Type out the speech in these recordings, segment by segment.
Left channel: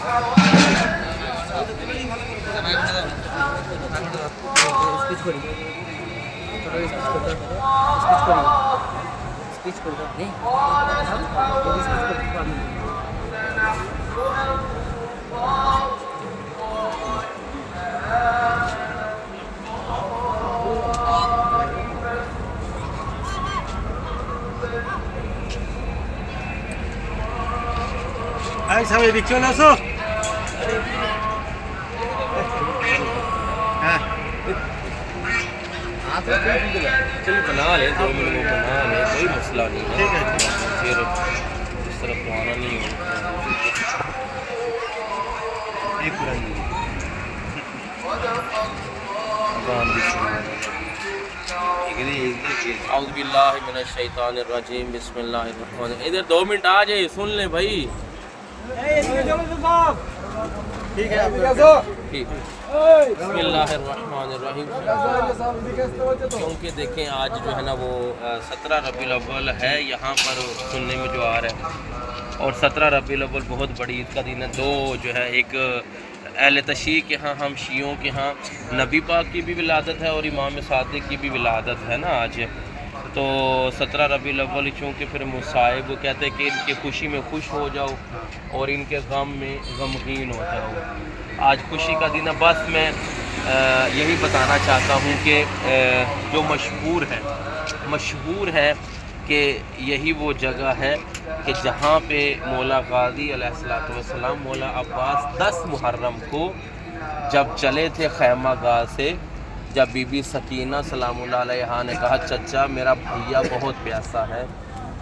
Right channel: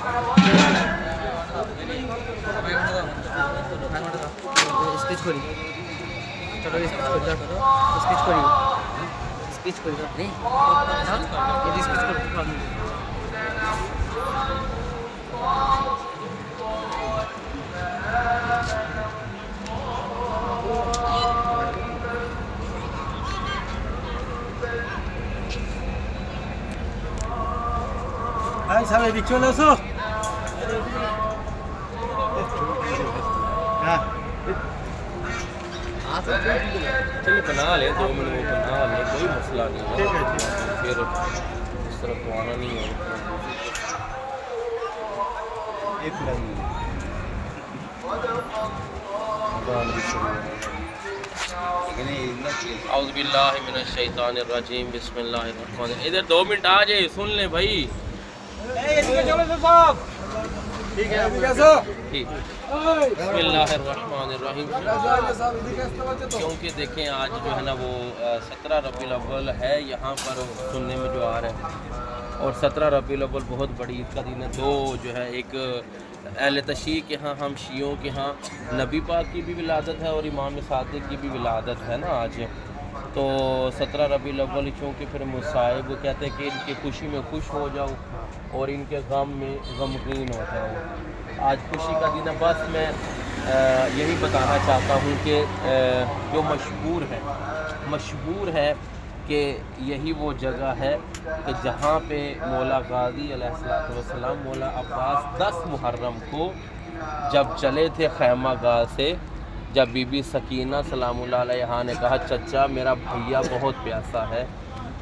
Speech করি, চলো speech করতে হবে, স্পিচ করি, স্পিচ করতে হবে, যদি স্পিচ করতে পারবো। Ay, ¿sabe dicción eso? چلو بنا لیں 2 منٹ میں بنا لیں، کوئی مسئلہ نہیں ہے، پھر اس طرف تو آنا نہیں ہوگا۔ ایک پرانی اذان بھی شروع ہے۔ اعوذ باللہ من الشیطان الرجیم، بسم اللہ الرحمن الرحیم۔ ادھر 2 منٹ آ جائے، سن لیں بھائی۔ ٹھیک ہے ٹھیک، بسم اللہ الرحمن الرحیم۔ کیونکہ دیکھیں آج جو ہے نا وہ 17 ربیع الاول ہے، یہاں پر سننے میں جو آ رہا ہے، اور 17 ربیع الاول بہت بڑی عید کا دن ہے۔ دو جو ہے، ایک اہل تشیع کے ہاں، ہم شیعوں کے ہاں نبی پاک کی بھی ولادت ہے اور امام صادق کی بھی ولادت ہے نا آج۔ تو 17 ربیع الاول چونکہ پھر مصائب کہتے ہیں کہ ان کی خوشی میں خوش ہو جاؤ اور ان کے غم میں غمگین ہو جاؤ۔ آج خوشی کا دن ہے، بس میں یہی بتانا چاہتا ہوں کہ جو مشہور ہے کہ یہی وہ جگہ ہے کہ جہاں پہ مولا غازی علیہ السلام مولا عباس 10 محرم کو جب چلے تھے خیمہ گاہ سے، جب بی بی سکینہ سلام اللہ علیہا نے کہا چچا میرا بھیا بہت پیاسا ہے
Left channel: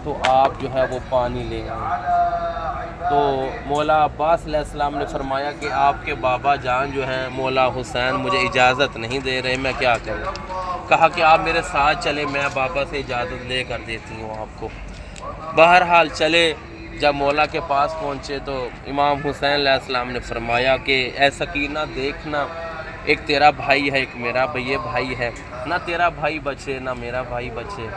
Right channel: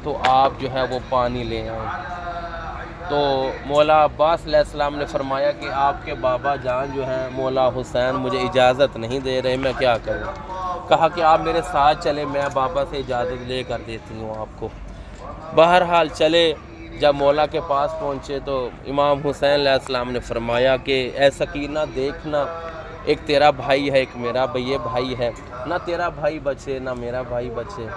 تو آپ جو ہے وہ پانی لے آئیں، تو مولا عباس علیہ السلام نے فرمایا کہ آپ کے بابا جان جو ہیں مولا حسین مجھے اجازت نہیں دے رہے، میں کیا کروں؟ کہا کہ آپ میرے ساتھ چلے، میں بابا سے اجازت لے کر دیتی ہوں آپ کو۔ بہرحال چلے، جب مولا کے پاس پہنچے تو امام حسین علیہ السلام نے فرمایا کہ اے سکینہ دیکھنا، ایک تیرا بھائی ہے ایک میرا یہ بھائی ہے، نہ تیرا بھائی بچے نہ میرا بھائی بچے۔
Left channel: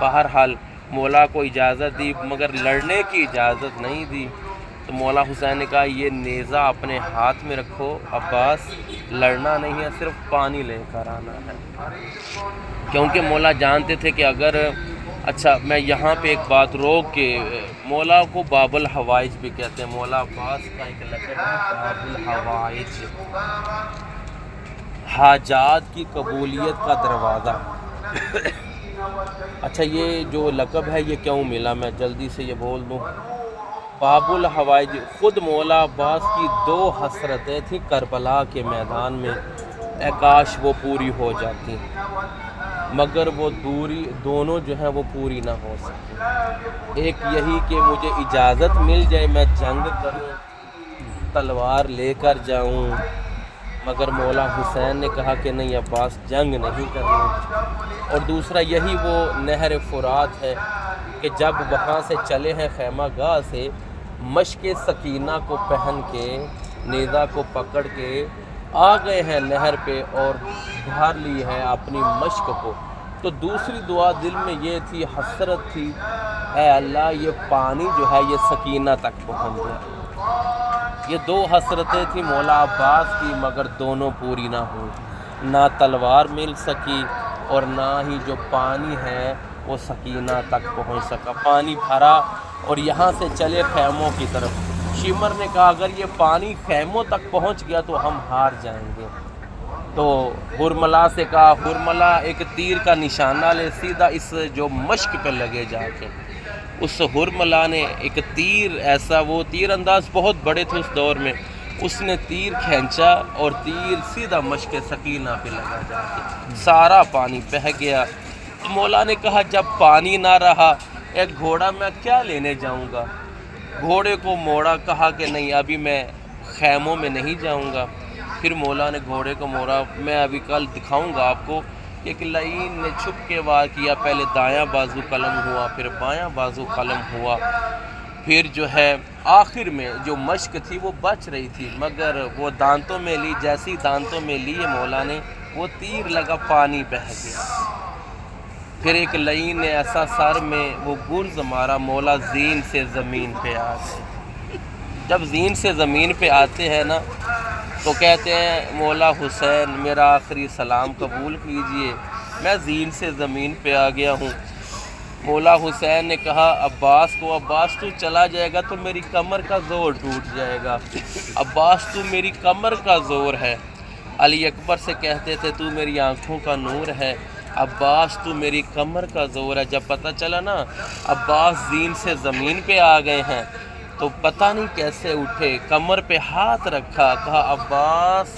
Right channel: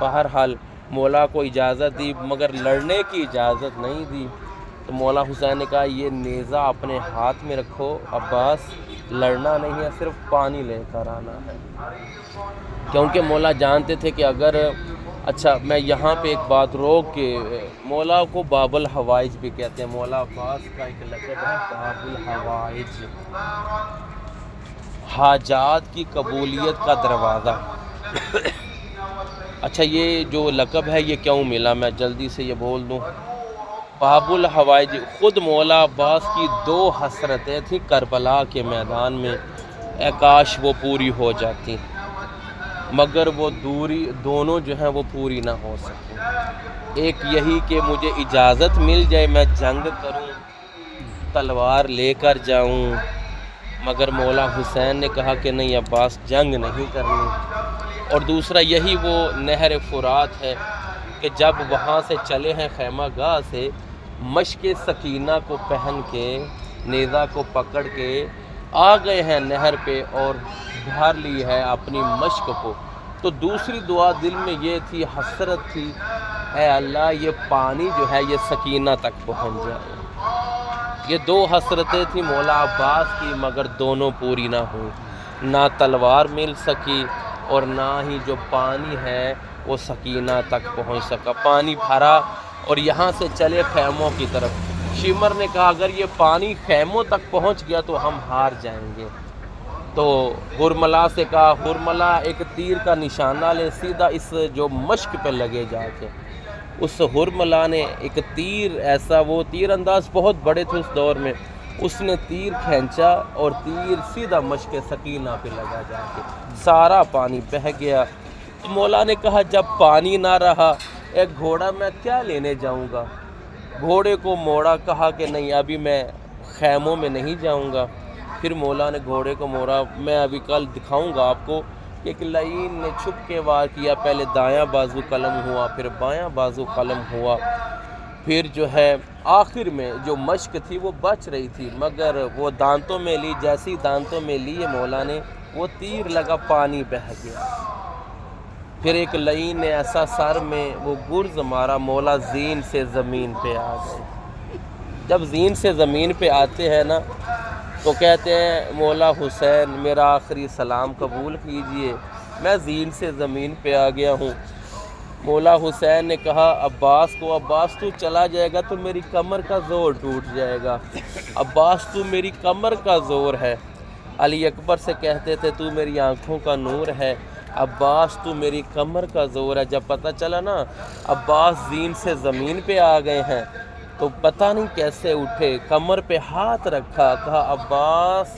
بہرحال مولا کو اجازت دی مگر لڑنے کی اجازت نہیں دی، تو مولا حسین نے کہا یہ نیزہ اپنے ہاتھ میں رکھو عباس، لڑنا نہیں ہے، صرف پانی لے کر آنا ہے، کیونکہ مولا جانتے تھے کہ اگر اچھا میں یہاں پہ ایک بات روک کے، مولا کو باب الحوائج بھی کہتے ہیں، مولا عباس کا ایک لقب ہے باب الحوائج، حاجات کی قبولیت کا دروازہ۔ اچھا یہ جو لقب ہے یہ کیوں ملا، میں جلدی سے یہ بول دوں۔ باب الحوائج، خود مولا عباس کی 2 حسرتیں تھیں کربلا کے میدان میں، اے کاش وہ پوری ہو جاتی، مگر وہ دونوں جو ہیں وہ پوری نہ ہو سکی۔ ایک یہی کہ مجھے اجازت مل جائے میں جنگ کروں، تلوار لے کر جاؤں، مگر مولا حسین نے کہا کہ نہیں عباس جنگ نہیں کرنی، اور دوسرا یہی وہ نہر فرات ہے کہ جب وہاں سے چلے ہیں خیمہ گاہ سے، مشق سکینہ کو پہن کے نیزہ کو پکڑ کے آ گئے ہیں نہر پہ اور بھر لی ہے اپنی مشق کو، تو دوسری دعا دل میں یہ تھی، حسرت تھی، اے اللہ یہ پانی جو ہے یہ سکینہ تک پہنچ جائے۔ یہ 2 حسرتیں تھیں مولا عباس کی، مگر دونوں پوری نہ ہوئی، نہ تلوار مل سکی اور نہ ہی جو پانی ہے وہ سکینہ تک پہنچ سکا۔ پانی بھرا اور یہاں سے چلے خیموں کی طرف۔ شمر نے کہا اگر یہ پانی خیموں تک پہنچ گیا تو ہم ہار جائیں گے، تو ہرملا سے کہا ہرملا ایک تیر کا نشانہ لے، سیدھا اس جو مشق پہ لگے جا کے۔ اس ہرملا نے ایک تیر، ایسا وہ تیر انداز بہت بڑے تھے اس دور میں، اس نے تیر کھینچا اور تیر سیدھا مشق سکینہ پہ لگا جا کے، سارا پانی بہہ گیا۔ تو مولا نے کہا جب پانی نہ رہا ایک گھوڑا میں کیا لینے جاؤں گا، گھوڑے کو موڑا، کہا کہ نہیں ابھی میں خیموں میں نہیں جاؤں گا۔ پھر مولا نے گھوڑے کو موڑا، میں ابھی کل دکھاؤں گا آپ کو کہ ایک لعین نے چھپ کے وار کیا، پہلے دایاں بازو قلم ہوا پھر بایاں بازو قلم ہوا، پھر جو ہے آخر میں جو مشق تھی وہ بچ رہی تھی مگر وہ دانتوں میں لی، جیسی دانتوں میں لیے مولا نے وہ تیر لگا، پانی بہہ گیا۔ پھر ایک لعین نے ایسا سر میں وہ گرز مارا، مولا زین سے زمین پہ آ گئے۔ جب زین سے زمین پہ آتے ہیں نا تو کہتے ہیں مولا حسین میرا آخری سلام قبول کیجئے، میں زین سے زمین پہ آ گیا ہوں۔ مولا حسین نے کہا عباس کو، عباس تو چلا جائے گا تو میری کمر کا زور ٹوٹ جائے گا، عباس تو میری کمر کا زور ہے۔ علی اکبر سے کہتے تھے تو میری آنکھوں کا نور ہے، عباس تو میری کمر کا زور ہے۔ جب پتہ چلا نا عباس زین سے زمین پہ آ گئے ہیں تو پتہ نہیں کیسے اٹھے، کمر پہ ہاتھ رکھا، کہا عباس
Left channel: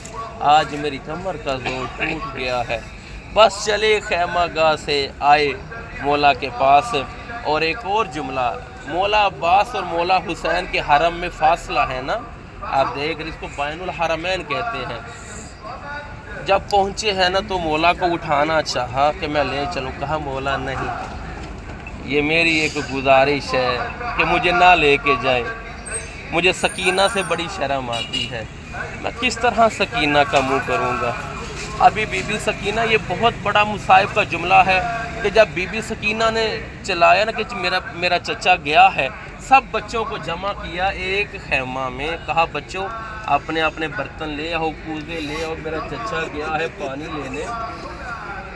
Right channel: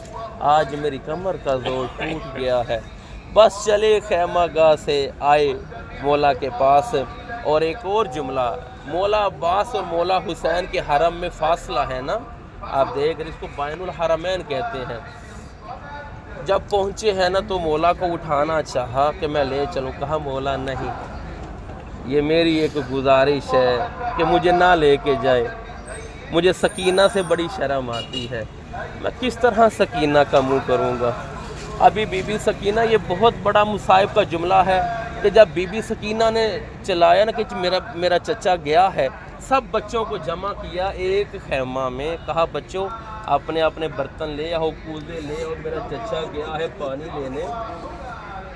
آج میری کمر کا زور ٹوٹ گیا ہے۔ بس چلے خیمہ گاہ سے آئے مولا کے پاس، اور ایک اور جملہ، مولا عباس اور مولا حسین کے حرم میں فاصلہ ہے نا، آپ دیکھ رہے اس کو بین الحرمین کہتے ہیں۔ جب پہنچے ہیں نا تو مولا کو اٹھانا چاہا کہ میں لے چلوں، کہا مولا نہیں، یہ میری ایک گزارش ہے کہ مجھے نہ لے کے جائے، مجھے سکینہ سے بڑی شرم آتی ہے، میں کس طرح سکینہ کا منہ کروں گا۔ ابھی بی بی سکینہ، یہ بہت بڑا مصائب کا جملہ ہے کہ جب بی بی سکینہ نے چلایا نا کہ میرا چچا گیا ہے، سب بچوں کو جمع کیا ایک خیمہ میں، کہا بچوں اپنے اپنے برتن لے آؤ، کوزے لے آؤ، میرا چچا گیا ہے پانی لینے۔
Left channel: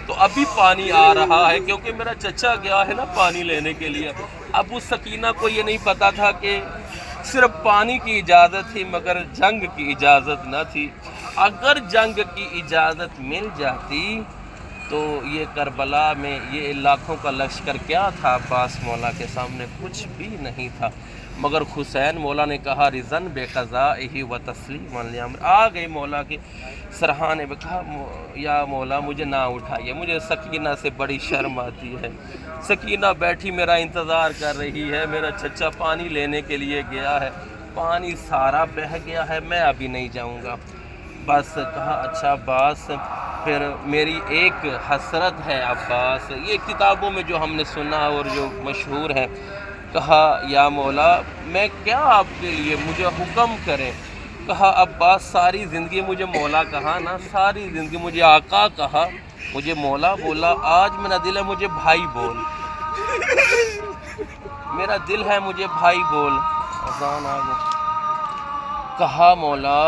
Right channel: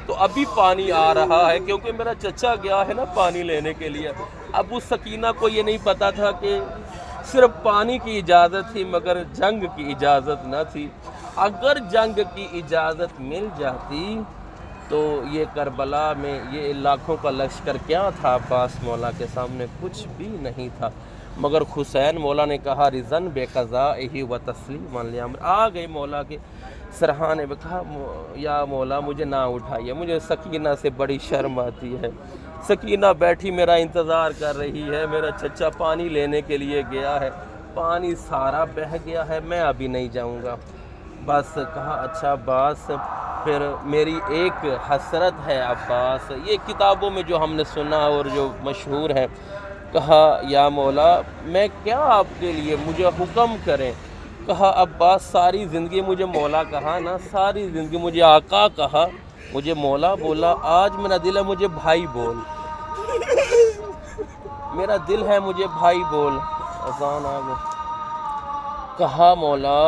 تو ابھی پانی آ رہا ہے کیونکہ میرا چچا گیا ہے نا پانی لینے کے لیے۔ اب اس سکینہ کو یہ نہیں پتا تھا کہ صرف پانی کی اجازت تھی مگر جنگ کی اجازت نہ تھی۔ اگر جنگ کی اجازت مل جاتی تو یہ کربلا میں یہ لاکھوں کا لشکر کیا تھا، عباس مولا کے سامنے کچھ بھی نہیں تھا۔ مگر حسین مولا نے کہا رضن بے قضائہ و تسلیما لامر، آ گئی مولا کے سرحانے میں، کہا یا مولا مجھے نہ اٹھائیے، مجھے سکینہ سے بڑی شرم آتی ہے، سکینہ بیٹھی میرا انتظار کر رہی ہے، میرا چچا پانی لینے کے لیے گیا ہے، پانی سارا بہہ گیا ہے، میں ابھی نہیں جاؤں گا۔ بس کہا اچھا عباس، پھر میری ایک حسرت ہے عباس، یہ کتابوں میں جو ہم نے سنا اور جو مشہور ہے، کہا یا مولا میں کیا آپ کے لیے، مجھے حکم کریں۔ کہا عباس ساری زندگی مجھے مولا کہا نا، ساری زندگی مجھے آقا کہا، مجھے مولا بولا، آج میرا دل ہے مجھے بھائی بول، میرا دل ہے مجھے بھائی بول۔ اذان آ گئی۔ کہا مولا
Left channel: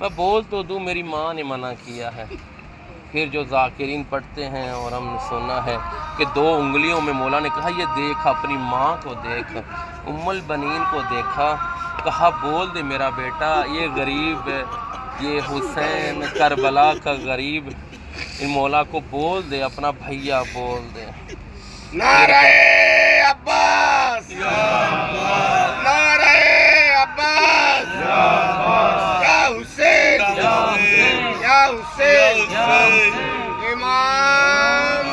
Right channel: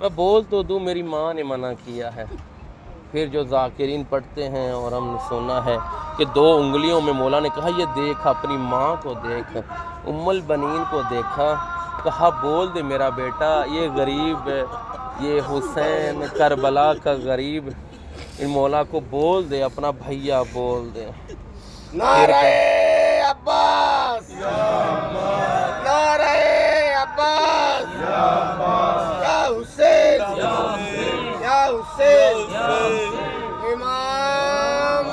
میں بول تو دوں، میری ماں نے منع کیا ہے۔ پھر جو ذاکرین پڑھتے ہیں اور ہم نے سنا ہے کہ 2 انگلیوں میں مولا نے کہا یہ دیکھ اپنی ماں کو دیکھ، ام البنین کو دیکھا، کہا بول دے میرا بیٹا، یہ غریب ہے، یہ حسین کربلا کا غریب، ان مولا کو بول دے، اپنا بھیا بول دے۔ نعرہ عباس، نعرہ عباس، یا حسین، یا حسین، امام۔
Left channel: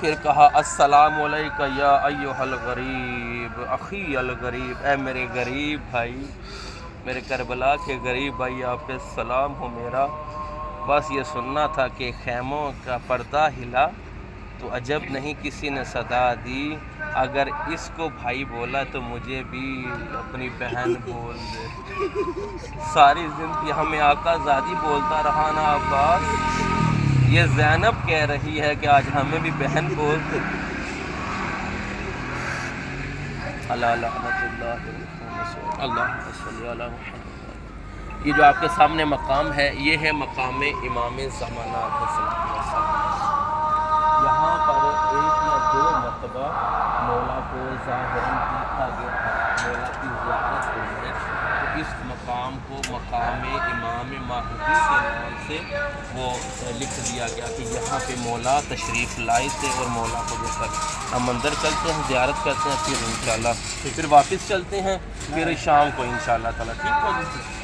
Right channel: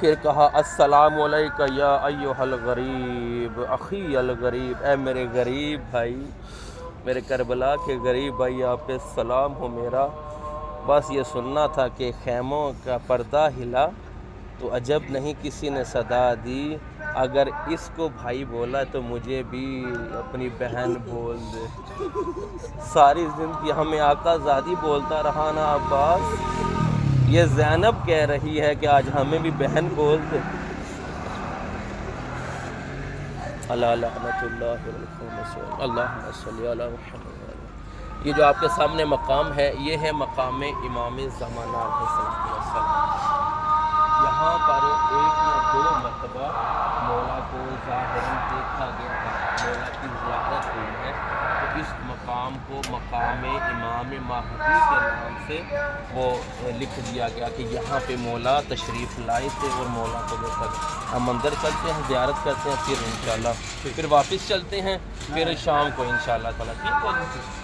پھر کہا السلام علیکہ یا ایہا الغریب اخی الغریب، اے میرے غریب بھائی، میرے کربلا کے غریب بھائی، آپ پہ سلام ہو میرا۔ بس یہ سننا تھا کہ خیموں کا پردہ ہلا تو عجب نہیں کسی نے صدا دی، اگر اس کو بھائی بولا تو مجھے بھی اپنی بہن بول دے۔ ساری زندگی ہمیں آقا زادی بولتا رہا نا عباس، یہ زینب کہہ رہی ہے کہ آج ہمیں بھی بہن بول دے۔ اللہ لعنت اللہ اللہم صلی علی محمد۔ یہ جو آپ کے سامنے مقام ہے یہ ہے مقام امام زمانہ علیہ السلام۔ یہاں پر 1 یا 2 مرتبہ مولا کو ظاہراً دیکھا گیا ہے، مولا کی زیارت ہوئی ہے، تو اس مقام کو مقام امام مہدی کے نام سے وہ لکھ دیا گیا کہ یہاں پہ مولا تشریف لائے تھے اور مولا کو دیکھا گیا۔ ہم اندر چلتے ہیں، زیارت کرتے ہیں، پھر انشاءاللہ پھر واپس چلتے ہیں، پھر شام کو انشاءاللہ تعالیٰ ٹھیک ہے۔